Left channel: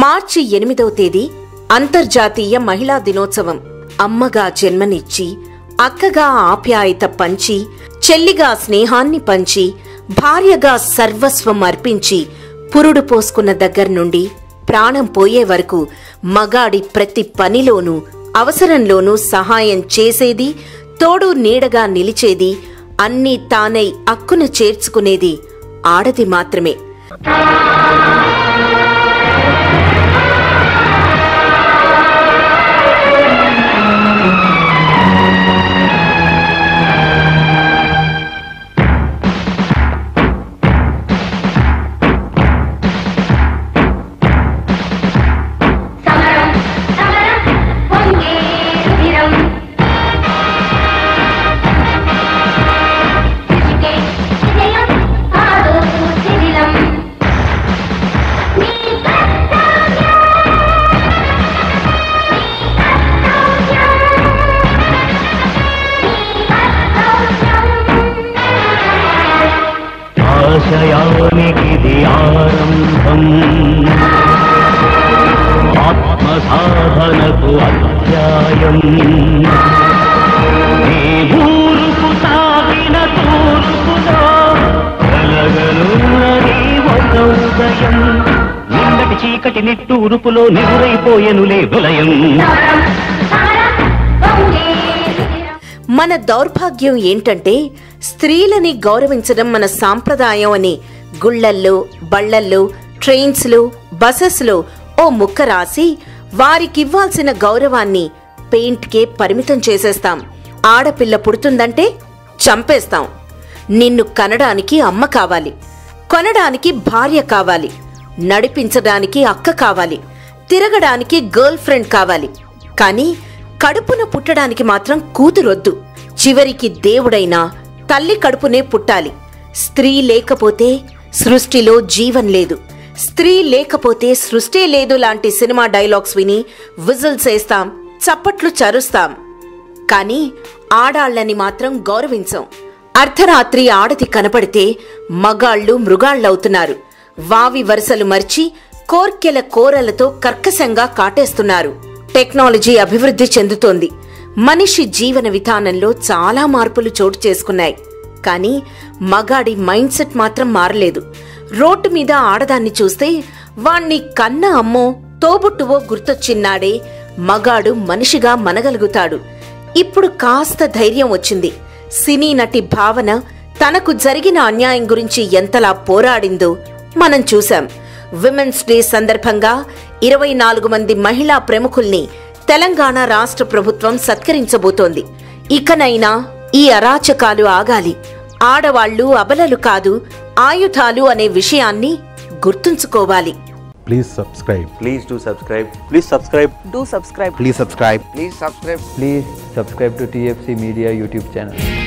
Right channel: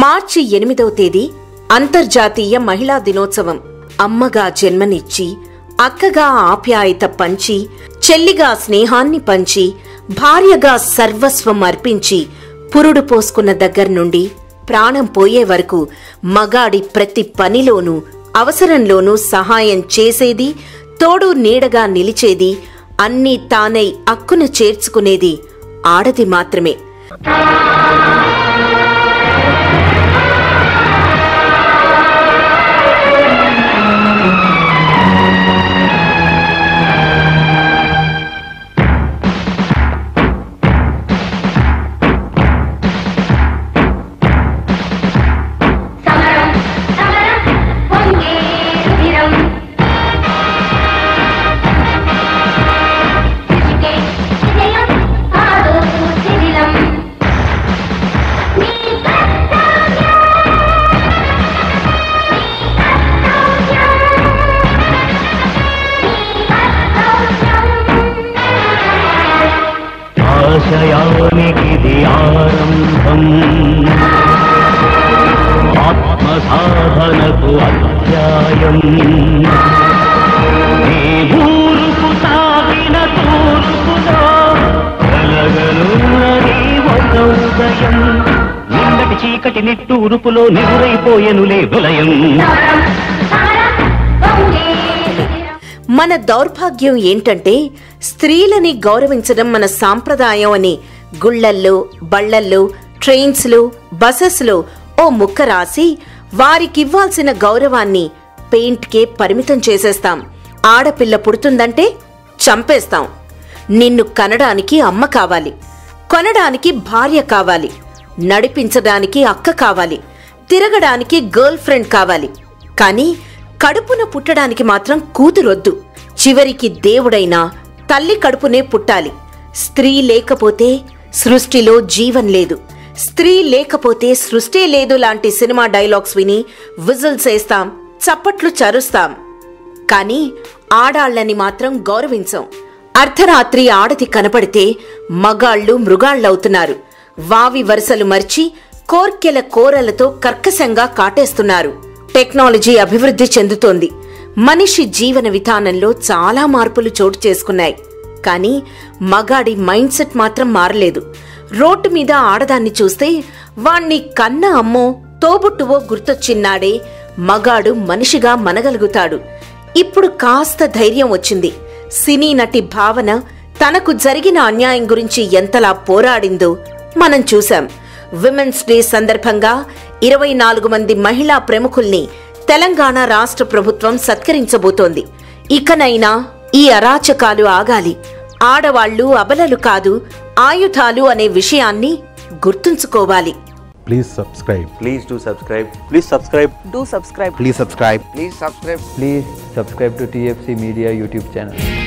మార్చి 8వ తేదీ అంతర్జాతీయ మహిళా దినోత్సవం. అమ్మగా జన్మనిచ్చి, అక్కగా ఆప్యాయత పంచి, చెల్లిగా స్నేహాన్ని పంచి, భార్యగా సర్వస్వం అర్పించి, పురుడు పోసుకున్న దగ్గర నుండి ప్రాణం పోయే వరకు మగాడి ప్రతి పనిలోనూ అవసరంలోనూ సహాయం చేసేది, తోడు నీడగా నిలిచేది, అన్నీ తానై అక్కున చేర్చుకునేది ఆడది మాత్రమే. ఆశయానికిది ఆరంభం, ఆత్మసాధనకు అధ్యాయం. ఈ ఊరుకు సాగిన తూర్పులో కలగనున్నది ఒక ఉదయం. నిన్నటి చీకటి నిట్టూరుపులో నిగురైపోయెనులే విలయం. మన దౌర్భాగ్యం ఏంటంటే, స్త్రీలని గౌరవించడం మన సాంప్రదాయం అని గుళ్లల్లో, బళ్లల్లో, ట్రైన్స్లో, బసెస్లో ఓ ముక్క రాసి వారికివ్వాల్సిన గౌరవాన్ని పెయింట్కే పరిమితం చేసేస్తాం. ఆడపిల్ల పుడుతుందంటే చంపేస్తాం. నిన్ను కనడానికి అమ్మ కావాలి, కొనడానికి భార్య కావాలి, నడిపించడానికి అక్క కావాలి, తిరగడానికి గర్ల్ ఫ్రెండ్ కావాలి. కానీ కడుపున పుట్టడానికి మాత్రం కూతురొద్దు. చివరికి దేవుడైనా తల్లి కడుపునే పుట్టాలి. స్త్రీ లేకపోతే సృష్టిలో జీవం లేదు, స్త్రీ లేకపోతే సృష్టి లేదు లాంటి సినిమా డైలాగ్స్ విని విజిల్స్ వేస్తాం, చప్పట్లు చరుస్తాం. కానీ ఆడాళ్లని మాత్రం గౌరవించాం. అర్ధరాత్రి ఆడది కనపడితే మగాళ్లు మృగాళ్లవుతున్నారు. వావి వరుసలు మర్చి కోర్కెల కోరలతో కర్కశంగా కాటేస్తున్నారు. టెక్నాలజీ అభివృద్ధి చెందుతోంది. మనిషి జీవన విధానంలో చాలా మార్పులు చోటు చేసుకున్నాయి. కానీ మగాడి మైండ్ సెట్ మాత్రం మారలేదు. రోడ్డు మీద ఆడదాన్ని చూస్తే వాణ్ణి కన్న అమ్మో, తోబుట్టువో గుర్తొచ్చిన్నాడే మగాడు మనిషిగా మనగలుగుతాడు. ఇప్పుడు కాస్త ధైర్యం వచ్చింది. సినీ నటి భావన తనకు జరిగిన అన్యాయం గురించి ఎంతలా పోరాడిందో మనం చూశాం. విమెన్స్ డే సందర్భంగా 24 మంది మహిళా ప్రముఖుల్ని తెలంగాణ రాష్ట్ర ప్రభుత్వం సత్కరించబోతోంది. ఇకనైనా ఈ అరాచకాలు ఆగాలి. ఆడవాళ్లు అబలలు కాదు, ఆయుధాలు అనే విషయాన్ని గుర్తుంచుకోవాలి. Please subscribe. Please do subscribe. Please subscribe. Do subscribe. Please subscribe. Please subscribe. Please subscribe to TFC Media YouTube channel.